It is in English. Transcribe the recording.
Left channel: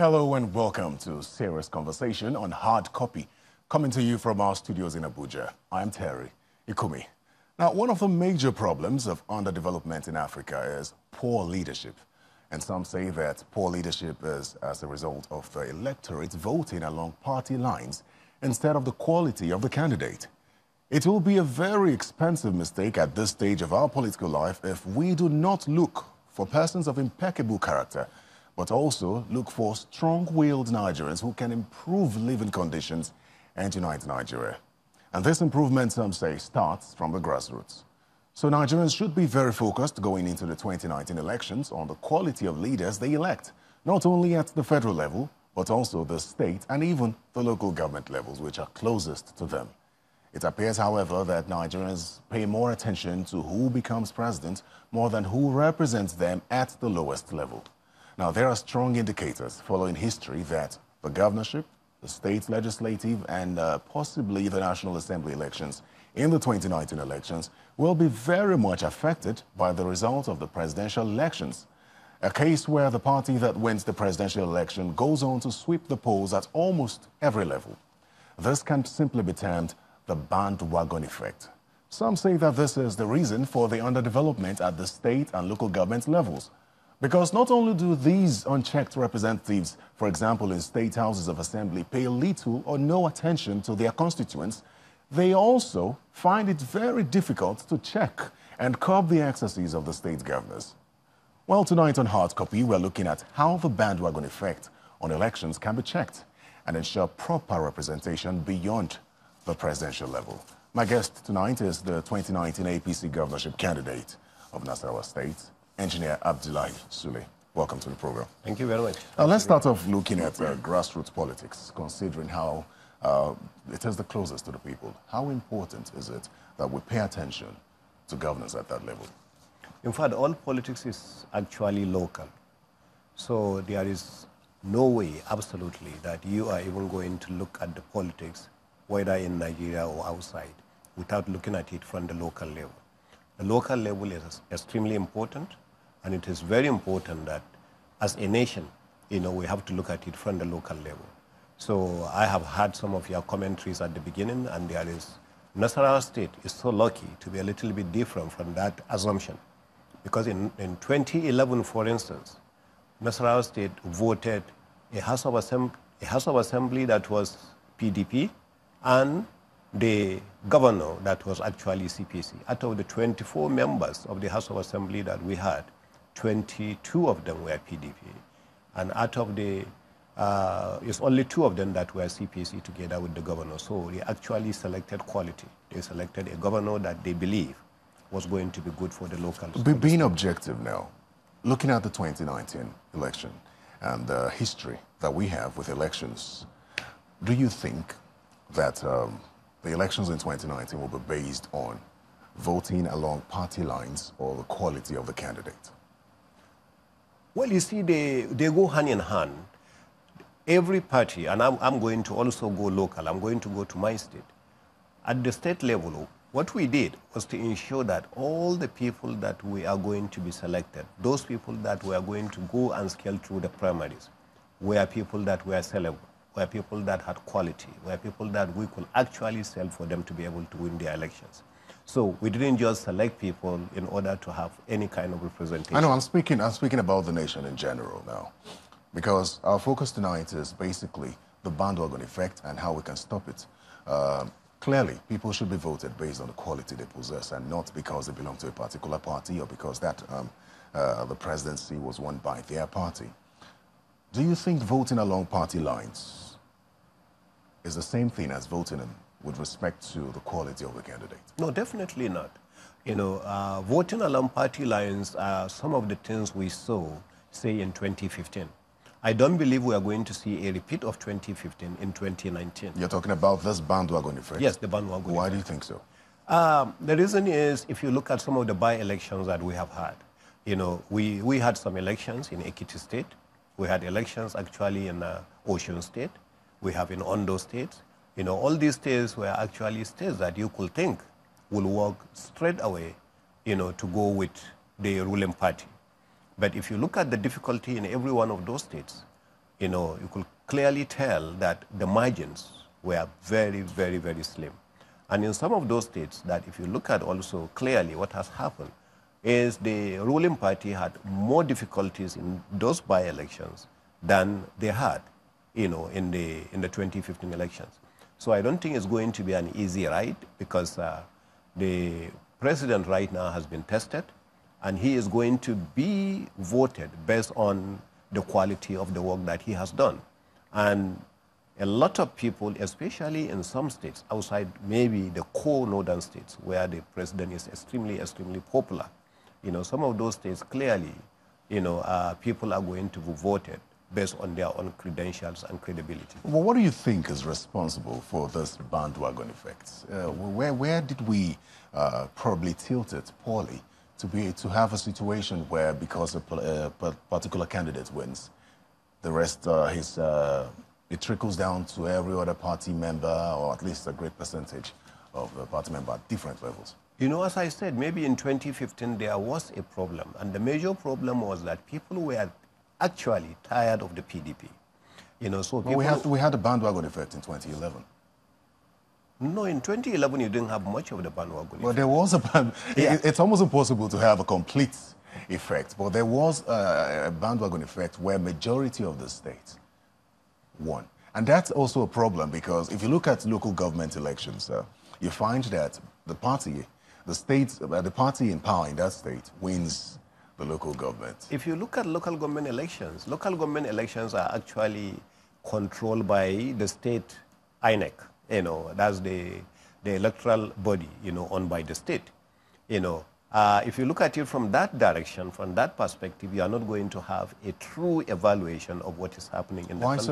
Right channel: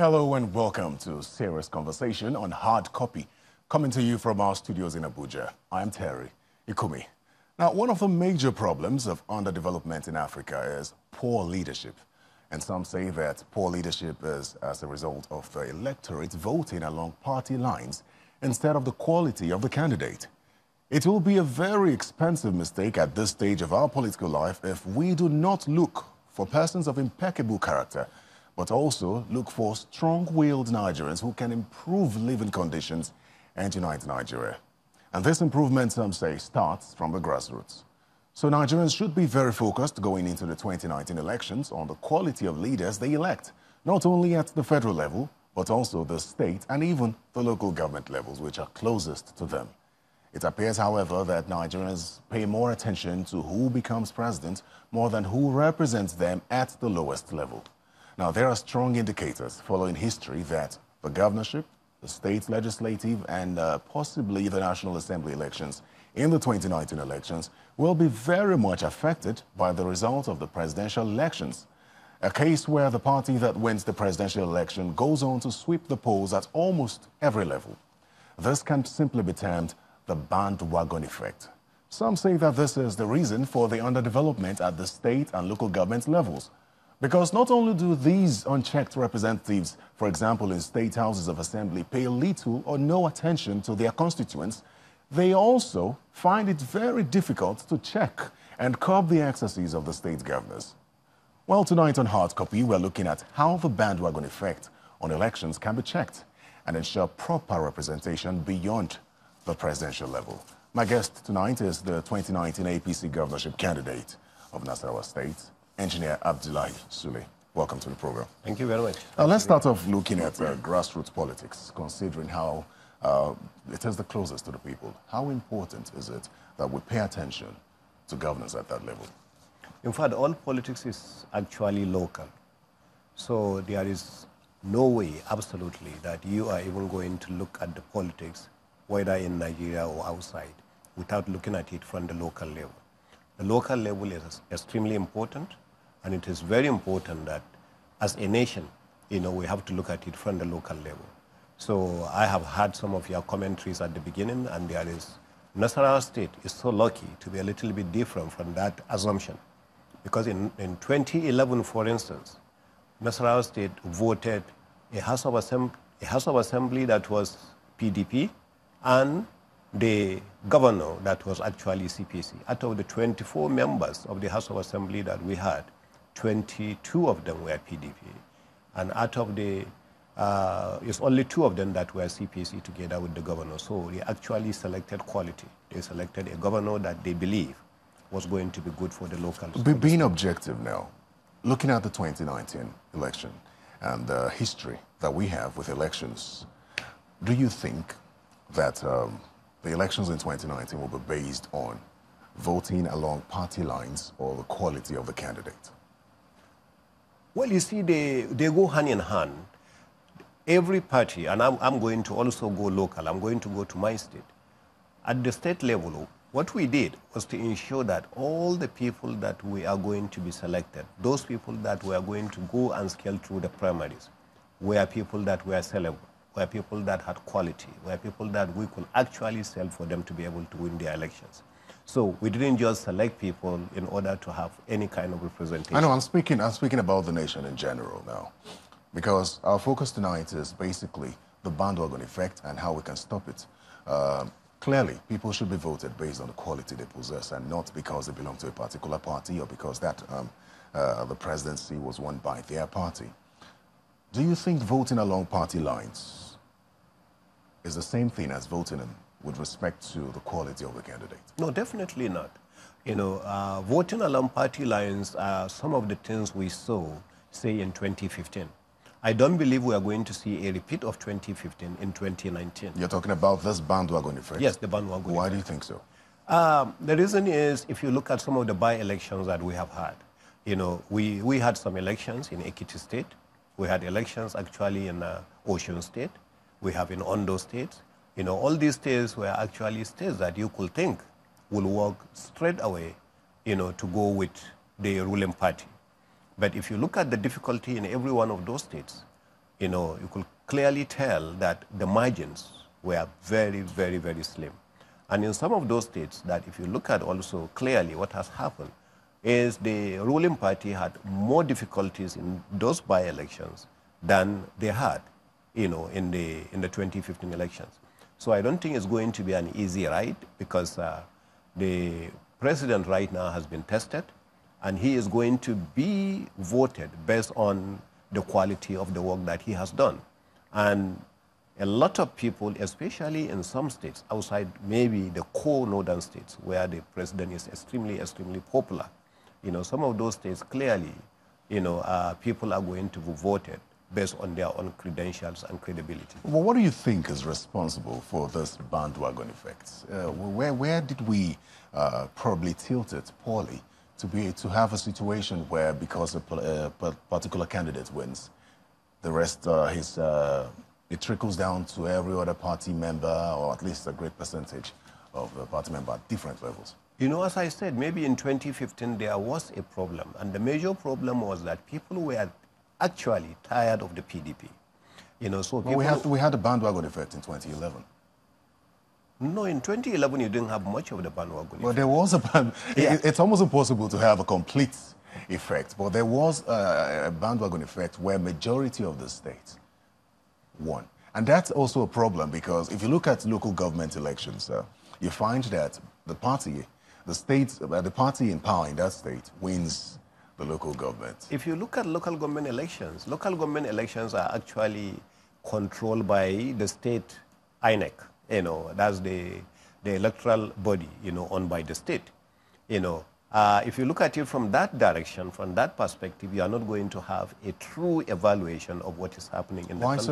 Hello and welcome to Serious Conversation on Hard Copy, coming to you from our studios in Abuja. I'm Terry Ikumi. Now, one of the major problems of underdevelopment in Africa is poor leadership. And some say that poor leadership is as a result of the electorate voting along party lines instead of the quality of the candidate. It will be a very expensive mistake at this stage of our political life if we do not look for persons of impeccable character, but also look for strong-willed Nigerians who can improve living conditions and unite Nigeria. And this improvement, some say, starts from the grassroots. So Nigerians should be very focused going into the 2019 elections on the quality of leaders they elect, not only at the federal level, but also the state and even the local government levels, which are closest to them. It appears, however, that Nigerians pay more attention to who becomes president more than who represents them at the lowest level. Now, there are strong indicators following history that the governorship, the state legislative, and possibly the National Assembly elections in the 2019 elections will be very much affected by the result of the presidential elections, a case where the party that wins the presidential election goes on to sweep the polls at almost every level. This can simply be termed the bandwagon effect. Some say that this is the reason for the underdevelopment at the state and local government levels. Because not only do these unchecked representatives, for example, in state houses of assembly, pay little or no attention to their constituents, they also find it very difficult to check and curb the excesses of the state governors. Well, tonight on Hard Copy, we're looking at how the bandwagon effect on elections can be checked and ensure proper representation beyond the presidential level. My guest tonight is the 2019 APC governorship candidate of Nasarawa State, Engineer Abdullahi Sule. Welcome to the program. Thank you very much. Let's start off looking at grassroots politics, considering how it is the closest to the people. How important is it that we pay attention to governance at that level? In fact, all politics is actually local. So there is no way, absolutely, that you are even going to look at the politics, whether in Nigeria or outside, without looking at it from the local level. The local level is extremely important. And it is very important that as a nation, we have to look at it from the local level. So I have heard some of your commentaries at the beginning, and there is Nasarawa State is so lucky to be a little bit different from that assumption. Because in 2011, for instance, Nasarawa State voted a House of Assembly that was PDP and the governor that was actually CPC. Out of the 24 members of the House of Assembly that we had, 22 of them were PDP. And out of the, it's only 2 of them that were CPC together with the governor. So they actually selected quality. They selected a governor that they believe was going to be good for the local. Being objective now, looking at the 2019 election and the history that we have with elections, do you think that the elections in 2019 will be based on voting along party lines or the quality of the candidate? Well, you see, they go hand in hand. Every party, and I'm going to also go local, I'm going to go to my state. At the state level, what we did was to ensure that all the people that we are going to be selected, those people that we are going to go and scale through the primaries, were people that were sellable, were people that had quality, were people that we could actually sell for them to be able to win their elections. So we didn't just select people in order to have any kind of representation. I know, I'm speaking about the nation in general now, because our focus tonight is basically the bandwagon effect and how we can stop it. Clearly, people should be voted based on the quality they possess and not because they belong to a particular party or because that the presidency was won by their party. Do you think voting along party lines is the same thing as voting with respect to the quality of the candidate? No, definitely not. Voting along party lines are some of the things we saw, say, in 2015. I don't believe we are going to see a repeat of 2015 in 2019. You're talking about this bandwagon effect? Yes, the bandwagon effect. Why do you think so? The reason is, if you look at some of the by-elections that we have had, we had some elections in Ekiti State. We had elections actually in Osun State. We have in Ondo State. All these states were actually states that you could think will work straight away, to go with the ruling party. But if you look at the difficulty in every one of those states, you could clearly tell that the margins were very, very, very slim. And in some of those states, that if you look at also clearly what has happened, is the ruling party had more difficulties in those by-elections than they had, in the 2015 elections. So I don't think it's going to be an easy ride, because the president right now has been tested, and he is going to be voted based on the quality of the work that he has done. And a lot of people, especially in some states outside maybe the core northern states where the president is extremely, extremely popular, some of those states clearly, people are going to be voted based on their own credentials and credibility. Well, what do you think is responsible for this bandwagon effect? Where did we probably tilt it poorly to have a situation where, because a particular candidate wins, the rest it trickles down to every other party member, or at least a great percentage of the party member at different levels? As I said, maybe in 2015 there was a problem, and the major problem was that people were actually tired of the PDP. So people, we had a bandwagon effect in 2011. No, in 2011 you didn't have much of the bandwagon effect. Well, there was it's almost impossible to have a complete effect, but there was a bandwagon effect where majority of the states won. And that's also a problem, because if you look at local government elections, you find that the party in power in that state wins the local government. If you look at local government elections are actually controlled by the state INEC. That's the electoral body, owned by the state. If you look at it from that direction, from that perspective, you are not going to have a true evaluation of what is happening in the country.